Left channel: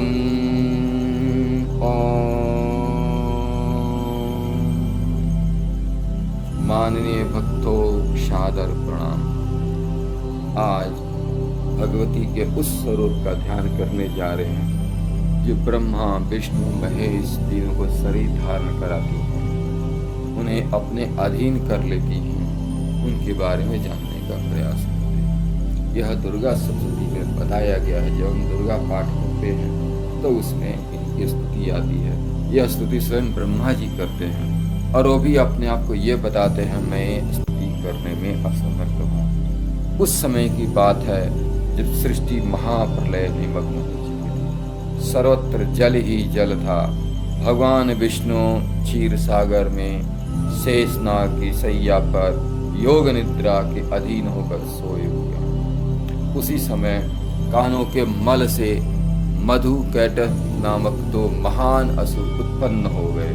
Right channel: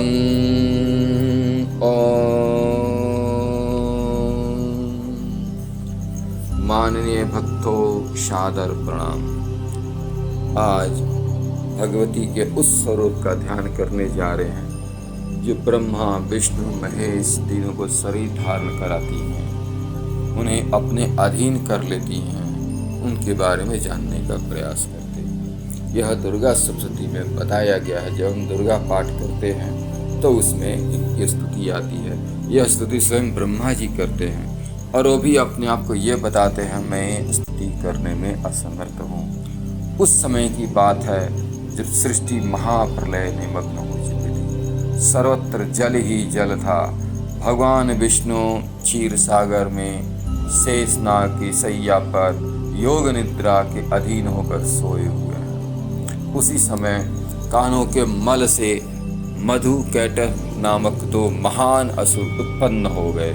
तं ओम। माननीय भक्तों, सादर प्रणाम। आज भगवती के उस स्वरूप का ध्यान करने जा रहे हैं जो ब्रह्मा विष्णु महेश तीनों को शरीर धारण कराती हैं, उन्हें अपने अधीन कर लेती हैं, उनके बारे में जानने का प्रयास करते हैं। यह दुर्गा सप्तशती में बताया गया है। जब हम दुर्गा पाठ करते हैं तो उसमें इनकी स्तुति आती है। यह स्तुति स्वयं ब्रह्मा जी करते हैं और वो भी अपने आप को ये बताते हैं, मैं स्तुति करने में असमर्थ हूँ। उस समय की बात है जब सृष्टि महाप्रलय निमग्न हो चुकी थी। सर्वत्र जल ही जल था। भगवान विष्णु क्षीर सागर में शेषनाग की शैया पर योग निद्रा के अधीन होकर सोए हुए हैं। उसी समय कानों के मल से मधु कैटभ नामक दो महान असुर उत्पन्न हो गए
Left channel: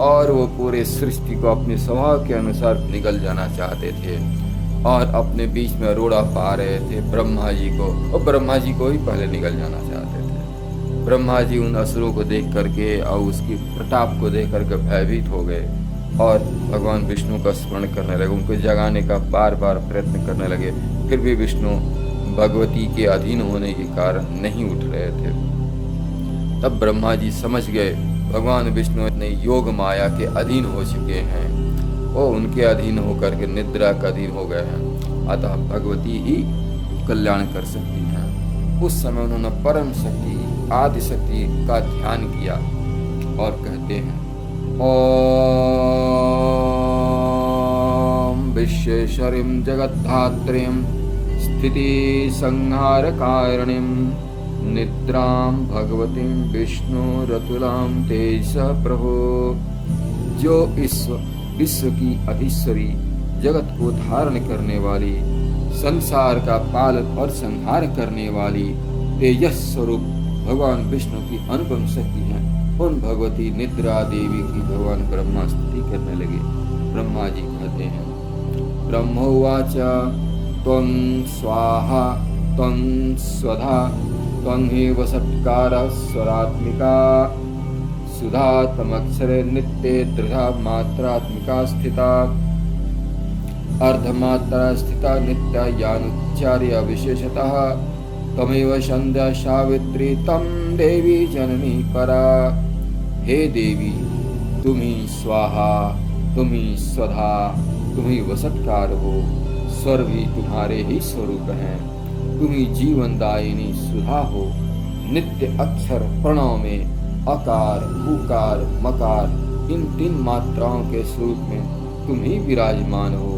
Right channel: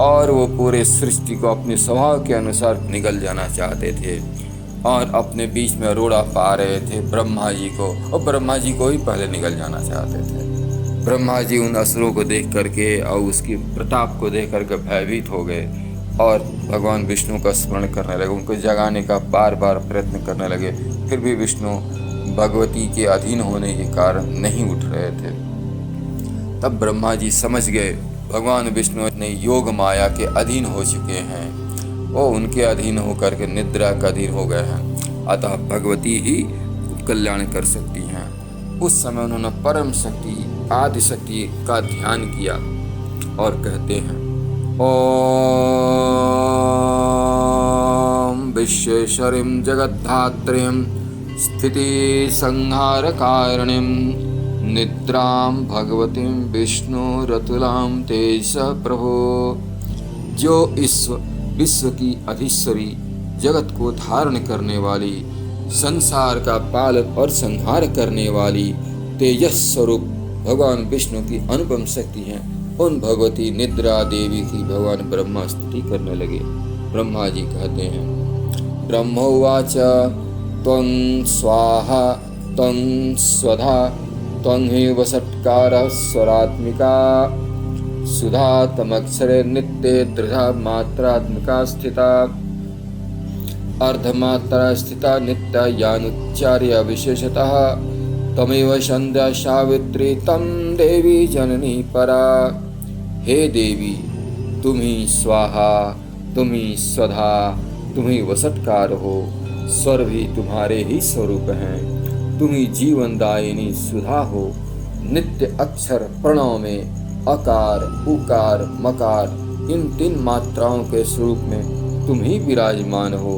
और वो पूरे सृष्टि को अपने स्वभाव के अनुसार निगल जाना चाहते थे और अपने बीच में रोड़ा पा रहे थे ब्रह्मा जी को, और ब्रह्मा जी को ही पहले निगल जाना चाहते थे। ब्रह्मा जी उन असुरों को देख करके और उसकी प्रताप को देख करके भयभीत हो गए और भगवान विष्णु का स्मरण करने लगे, उनको जगाने का बार बार प्रयत्न करने लगे। फिर भी विष्णु भगवती के अधीन होने के कारण नहीं उठ रहे थे। तब ब्रह्मा जी समझ गए भगवान विष्णु ने योग माया के अधीन हो चुके हैं, वो उनके अधीन होकर के निद्रा का अधीन हो गए हैं, अतः भगवती ही कल्याण कर सकती हैं। उस समय उन्होंने परम शक्ति आदि शक्ति का ध्यान किया और कहते हैं, ओम विश्वेश्वरीं जगद्धात्रीं स्थिति संहार कारिणीं निद्रां भगवतीं विष्णुरतुलां तेज प्रभो। जो विश्व की अधीश्वरी, जगत को धारण करने वाली, संसार का पालन और संहार करने वाली तेजस स्वरूप भगवान विष्णु की अनुपम शक्ति है, उन भगवती निद्रा देवी की भगवान ब्रह्मा स्तुति करने लगे। ब्रह्मा जी कहते हैं, ब्रह्मोवाच त्वं स्वाहा त्वं स्वधा त्वं हि वषट्कारः स्वरात्मिका सुधा तमक्षरे नित्ये त्रिधा मात्रात्मिका स्थिता अर्धमात्रा स्थिता नित्या यानुच्चार्य विशेषतः तमेव संध्या सावित्री तम देवी जननी परा। हे देवी, तुम ही स्वाहा, तुम ही स्वधा, तुम ही वषट्कार हो, स्वर भी तुम्हारे ही स्वरूप हैं। तुम ही जीवनदायिनी सुधा हो। नित्य अक्षर प्रणव में अकार उकार मकार इन तीन मात्राओं के स्वरूप में तुम ही विराजमान हो।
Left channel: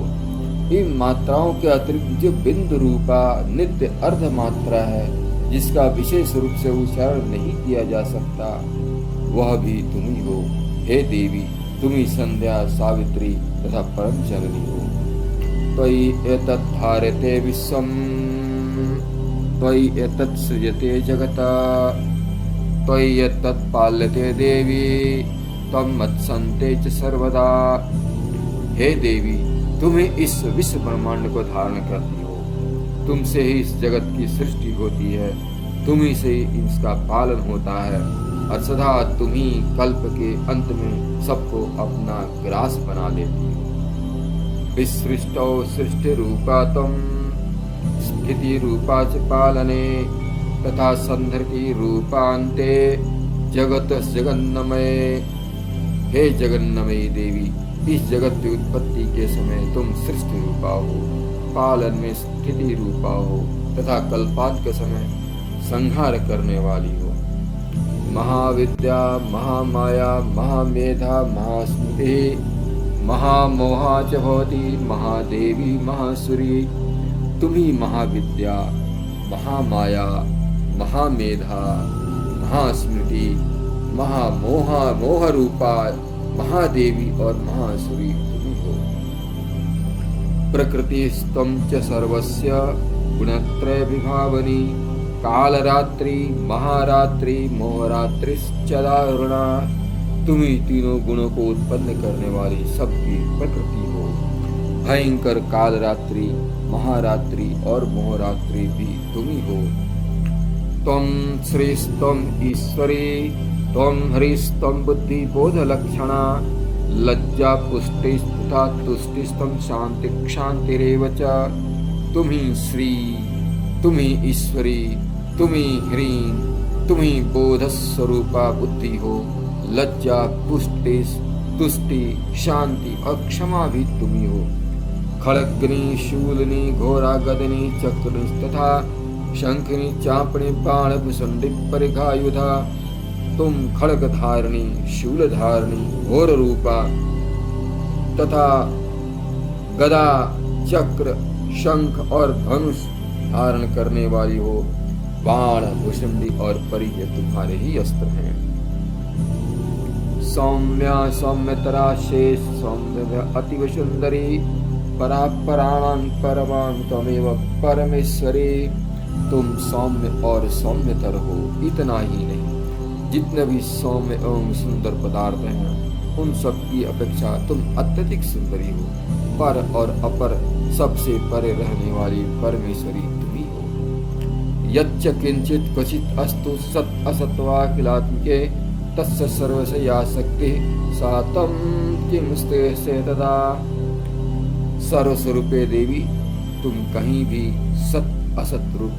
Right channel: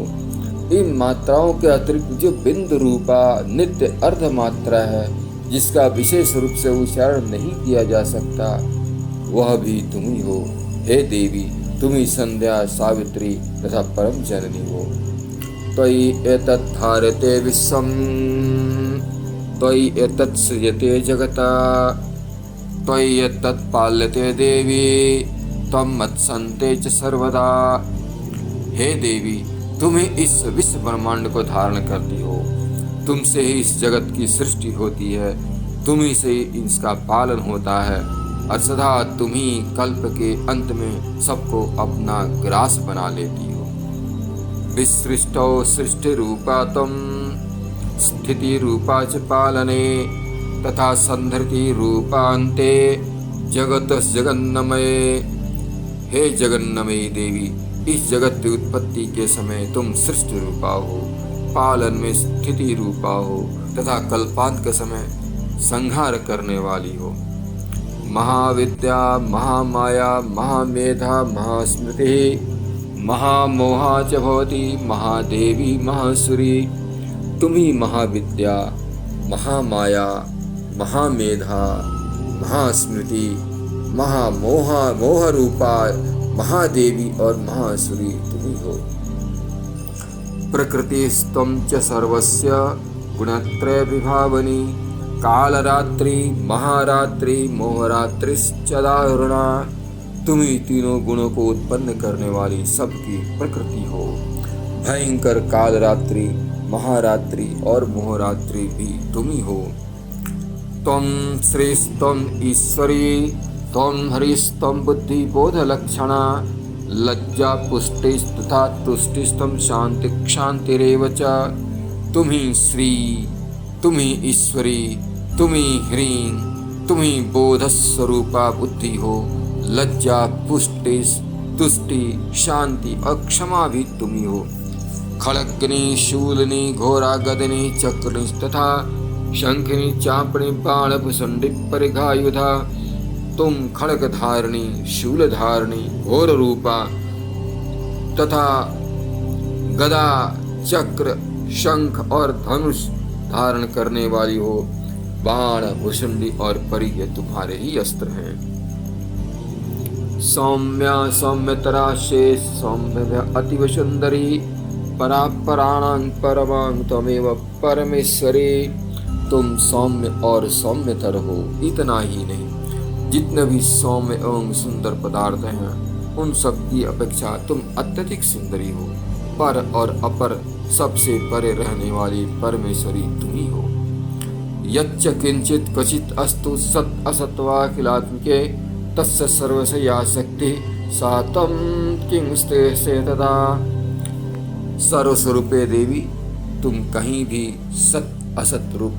इन मात्राओं के अतिरिक्त जो बिंदु रूपा नित्य अर्ध मात्रा है, जिसका विशेष रूप से उच्चारण नहीं किया जा सकता, वह भी तुम ही हो। हे देवी, तुम ही संध्या सावित्री तथा परम जननी हो। त्वयि एतत् धार्यते विश्वम्, त्वयि एतत् सृजते जगता, त्वयि एतत् पाल्यते देवी, त्वं मत्सन्ते च सर्वदा। हे देवी, तुम ही इस विश्व ब्रह्मांड को धारण करती हो, तुमसे ही इस जगत की सृष्टि होती है, तुम ही से ही इसका पालन होता है और सदा तुम ही कल्प के अंत में सबको अपना ग्रास बना लेती हो। विसृष्टौ सृष्टि रूपा तुम स्थिति रूपा च पालने तथा संधृति रूपान्ते जगत जगन्नमये। हे जगन्नमयी देवी, इस जगत की उत्पत्ति के समय तुम सृष्टि रूपा हो, पालन में स्थिति रूपा हो तथा कल्पांत के समय संहार करने वाली हो। महाविद्या महामाया महामेधा महास्मृति महामोहा च भवती महादेवी महासुरी। तुम ही महाविद्या महामाया महामेधा महास्मृति महामोहा मोह रूपा महादेवी और महासुरी तुम ही हो। प्रकृतिस्त्वं च सर्वस्य गुणत्रय विभावनी कालरात्रि महारात्रि मोहरात्रिश्च दारुणा। तुम ही तीनों गुणों को उत्पन्न करने वाली सबकी प्रकृति हो। भयंकर कालरात्रि महारात्रि और मोहरात्रि भी तुम ही हो। त्वं श्रीस्त्वं ईश्वरी त्वं हरिस्त्वं बुद्धिबोधलक्षणा लज्जा पुष्टिस्तथा तुष्टिस्त्वं शांति क्षांतिरेव च। तुम ही श्री, तुम ही ईश्वरी, तुम ही ह्रीं, तुम ही बोधस्वरूपा बुद्धि हो। लज्जा पुष्टि तुष्टि शांति और क्षमा भी तुम ही हो। खड़ग्नि शूलिनी घोरा गदिनी चक्रिणी तथा शंखिनी चापणी बाण भुसंडी परिघायुधा। तुम खड़ग धारिणी, शूल धारिणी, घोर रूपा तथा गदा, चक्र, शंख और धनुष धारण करने वाली हो। बाण, भुसंडी और परि ये तुम्हारे ही अस्त्र हैं। सौम्या सौम्यतरा शेष सौम्य अतिव सुंदरी परापराणां परमां त्वमेव परमेश्वरी। तुम सौम्य और सौम्यतर हो। इतना ही नहीं, जितने भी सौम्य एवं सुंदर पदार्थ हैं उन सब की अपेक्षा तुम अत्यधिक सुंदरी हो। पर और अपर सबसे परे रहने वाली परमेश्वरी तुम ही हो। यच्च किंचित क्वचित अस्तु सत असत्वाखिलात्मके तस्य सर्वस्य या शक्ति सा तम किंस्ते से तदा। सर्वस्वरूपे देवी, तुम कहीं भी सत असत रूप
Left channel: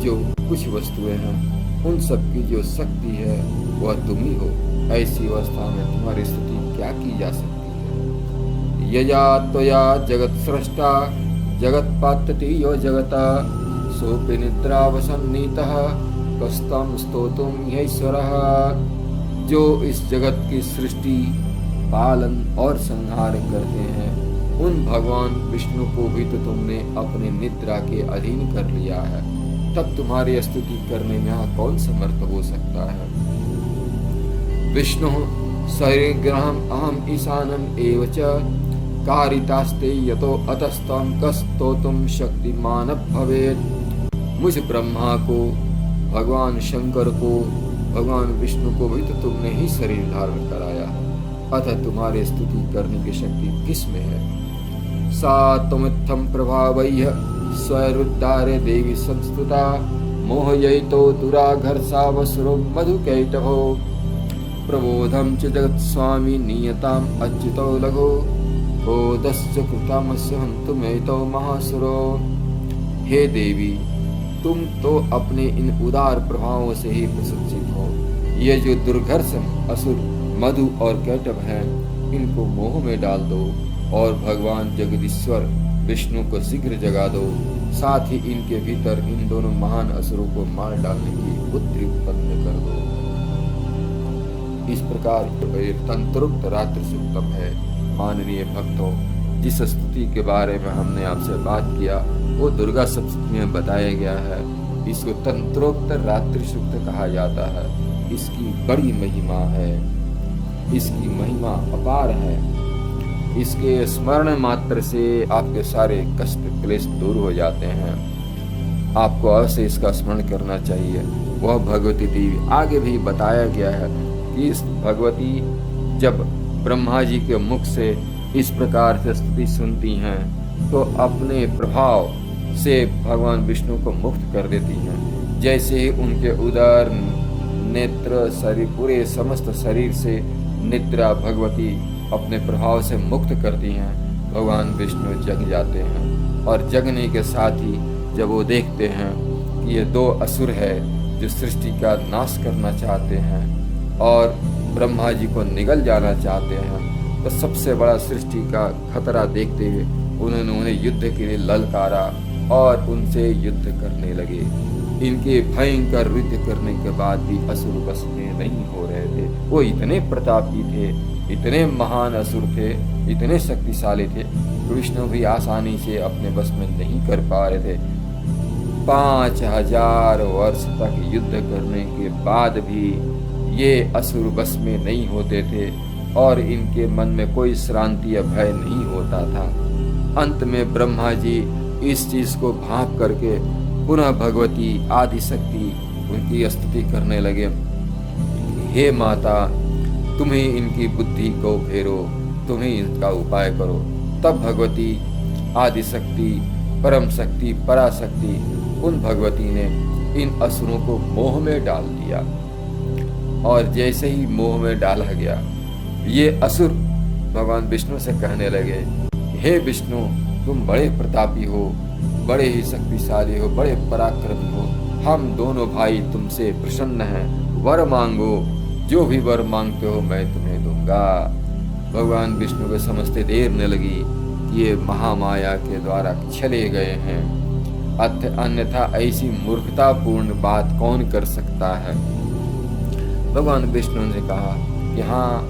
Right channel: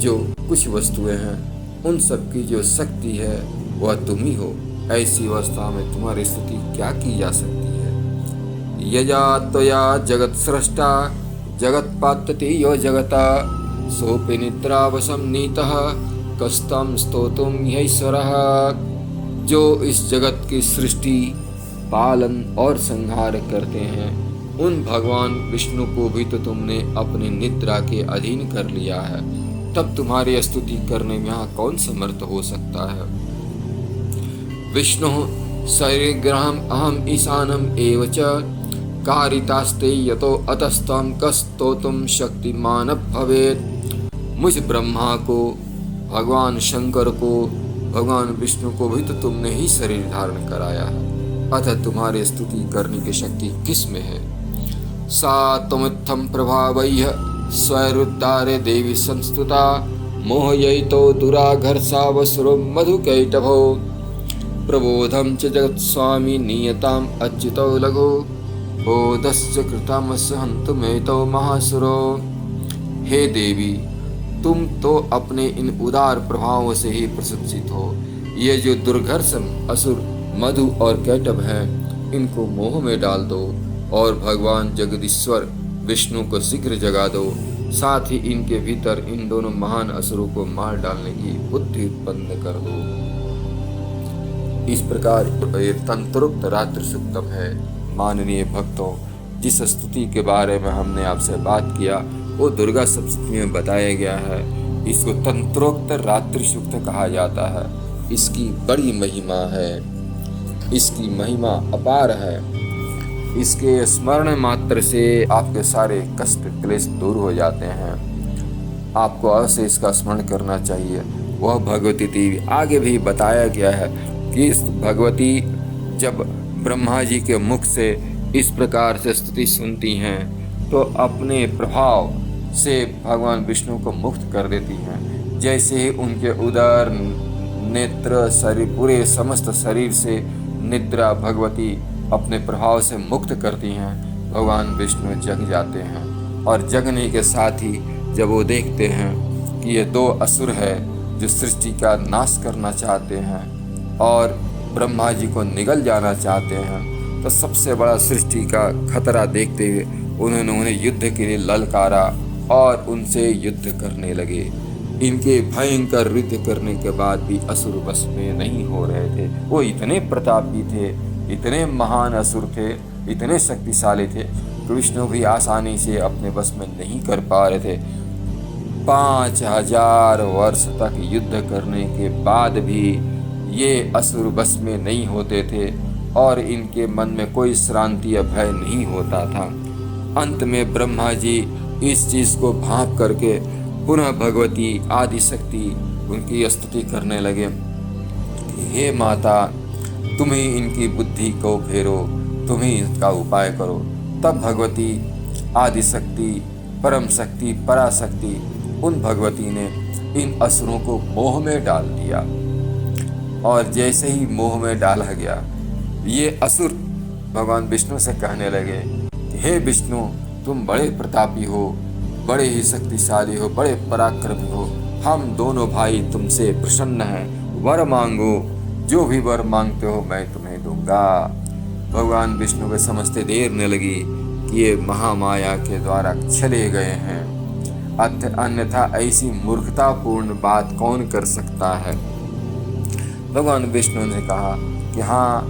जो कुछ वस्तुएं हैं उन सब की जो शक्ति है वह तुम ही हो। ऐसी अवस्था में तुम्हारी स्तुति क्या की जा सकती है। यजा त्वया जगत सृष्टा जगत पातति यो जगता सोपि निद्रावशं नीतः कस्तं स्तोतुं ह्यैश्वरः। जो इस जगत की सृष्टि, पालन और संहार करते हैं उन भगवान विष्णु को भी तो तुमने अपने निद्रा के अधीन कर लिया है। तब तुम्हारी स्तुति करने में यहाँ कौन समर्थ हो सकता है। विष्णु शरीरग्रहम अहम ईशानम एव च कारितास्ते यतो अतस्तं कस्तोतुम शक्तिमान भवेत्। मुझ ब्रह्मा को, भगवान शंकर को, भगवान विष्णु को भी तो तुमने ही शरीर धारण कराया है। अतः तुम्हारी स्तुति करने की शक्ति किस में है। सा त्वमित्थं प्रभावैः स्वैरुद्धारे देवी संस्तुता मोहयितो दुराघर्षावसुरो मधुकैटभो। प्रबोधं च जगत्स्वामी नियताम् अच्युतो लघु बोधस्य कृतामस्य हन्तुमेतो महासुरो। हे देवी, तुम तो अपने इन उदार प्रभावों से ही प्रशंसित हो। ये जो दुर्घर्षण असुर मधु और कैटभ हैं इनको मोह में डाल दो और भगवान जगदीश्वर विष्णु को शीघ्र जगा दो। साथ ही इनके भीतर इन दोनों महान असुरों को मार डालने की बुद्धि उत्पन्न कर दो। इस प्रकार ये तंत्रोक्त रात्रि सूक्तम है। माननीय भक्तों, जिस स्तुति के बारे में हमने आपसे बात किया वो दुर्गा सप्तमी में बताया गया है। इसको तंत्रोक्त रात्रि सूक्त कहा जाता है। इसकी बड़ी महिमा है, इसकी महिमा अपार है। इसके स्मरण मात्र से आपके सारे कष्ट क्लेश दूर हो जाते हैं। आपको अवश्य इसका स्मरण करना चाहिए। वह भगवती देवी आगे भी बताया गया है कि इस भगवती जब ब्रह्मा जी के मुख से इस प्रकार से स्तुति सुनती हैं तो अपने प्रभाव से भगवान विष्णु को मुक्त कर देती हैं। जैसे ही उनके उदर, नेत्र, शरीर, पूरे समस्त शरीर से निद्रा भगवती अपने प्रभाव से मुक्त करती हैं, भगवान विष्णु जग जाते हैं। और जगने के साथ ही जब वो देखते हैं कि ये दो असुर है जो सृष्टि का नाश करना चाहते हैं और ब्रह्मा जी को निगल जाना चाहते हैं, तो सबसे बड़ा सृष्टि का खतरा देखते हुए उन्होंने उन्हें युद्ध के लिए ललकारा और उनसे युद्ध करने लगे। इनके भयंकर युद्ध करने के बाद भी असुर बस में नहीं हो रहे थे। वो इतने प्रतापी थे, इतने महान असुर थे, इतने शक्तिशाली थे कि विष्णु भी आसानी से अपने बस में नहीं कर पा रहे थे। 5000 वर्ष तक युद्ध करने के बाद भी ये असुर बस में नहीं होते थे और इनके मन में कोई श्रांति या भय नहीं होता था। अंत में ब्रह्मा जी इस चीज को भांप करके पुनः भगवती आदि शक्ति उनकी स्तुति करने लगे। हे माता, तुम ही इनकी बुद्धि को फेरो, तुम ही इसका उपाय करो। तब भगवती आदि शक्ति, परम शक्ति, पराशक्ति उन भगवती ने इन असुरों को मोह में डाल दिया। और जैसे ही मोह में डाला गया, ये असुर भगवान विष्णु से कहने लगे कि हे विष्णु, तुम बड़े प्रतापी हो, बड़े ही शक्तिशाली हो, बड़े पराक्रमी हो, हम दोनों भाई तुमसे प्रसन्न हैं, वर मांगो, जो भी वर मांगते हो मैं तुम्हें दूंगा। भगवान विष्णु को समझते देर न लगी कि ये महामाया के द्वारा चले गए हैं, अन्यथा ऐसी मूर्खतापूर्ण बात कौन कर सकता है। भगवान विष्णु ने कहा कि हाँ,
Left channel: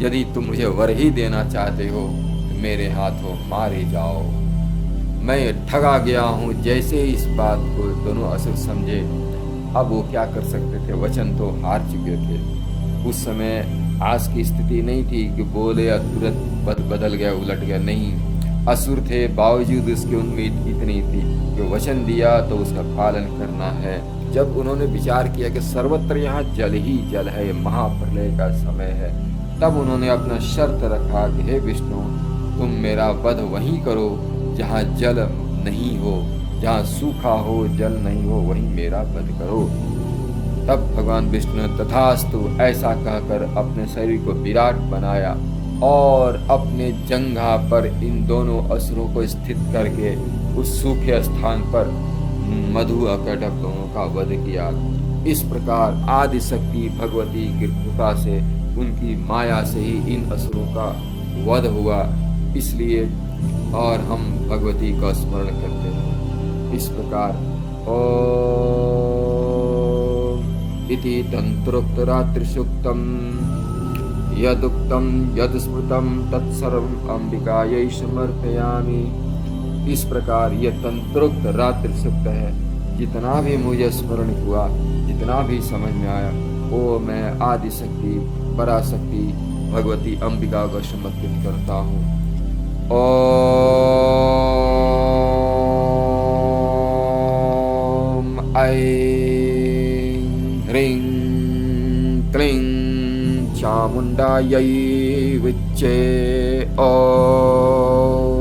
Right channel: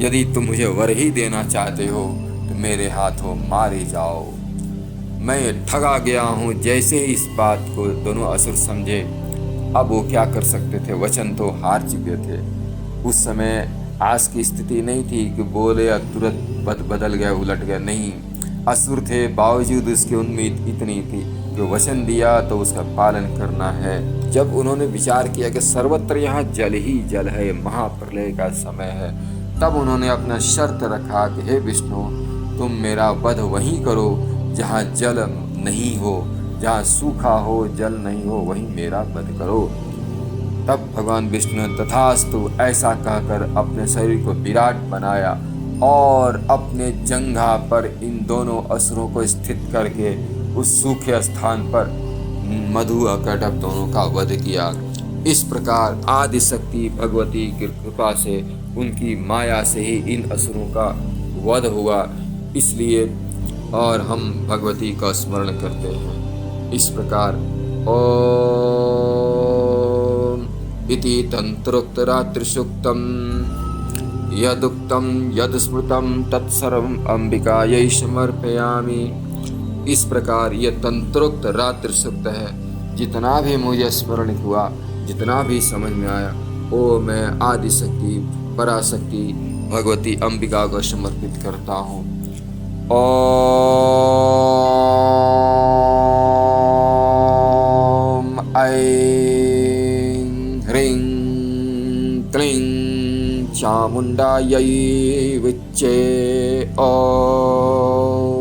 यदि तुम मुझे वर ही देना चाहते हो तो मेरे हाथों मारे जाओ, मैं ठगा गया हूँ। जैसे इस बात को दोनों असुर समझे, अब वो क्या कर सकते थे, वचन तो हार चुके थे। उस समय आज की स्थिति नहीं थी कि बोले या तुरंत बदल गए, उलट गए, नहीं। असुर थे, बावजूद उसकी उम्मीद इतनी थी कि वचन दिया तो उसका पालन करना है। जब उन्होंने विचार किया कि सर्वत्र यहाँ जल ही जल है, ये महाप्रलय का समय है, तब उन्होंने अपना शर्त रखा कि हे विष्णु, तुम मेरा वध वहीं करो जहाँ जल नहीं हो, जहाँ सूखा हो, जल नहीं हो, वहीं मेरा वध करो। तब भगवान विष्णु ने तथास्तु ऐसा कहकर अपने शरीर को विराट बनाया और अपने जंघा पर इन दोनों असुरों को स्थित करके उस सूखे स्थान पर मधु अकटक दोनों का वध किया। इस प्रकार आदि शक्ति भगवती की कृपा से, उनकी माया से ही इन असुरों का वध हुआ। इसलिए और हम भगवती का स्मरण करते हैं। इस प्रकार ओम इति तंत्रोक्त रात्रि सूक्तम यदुक्तम यद स्मृतम तत्सर्वं अंबिकायै समर्पयामि। इस प्रकार यह तंत्रोक्त रात्रि सूक्त है। जितना भी मुझे स्मरण हुआ, जितना भी समझ में आया, वो मैं आदि शक्ति पराशक्ति भगवती अंबिका को समर्पित करता हूँ। ओम ऐं ह्रीं क्लीं चामुण्डायै विच्चे। ओम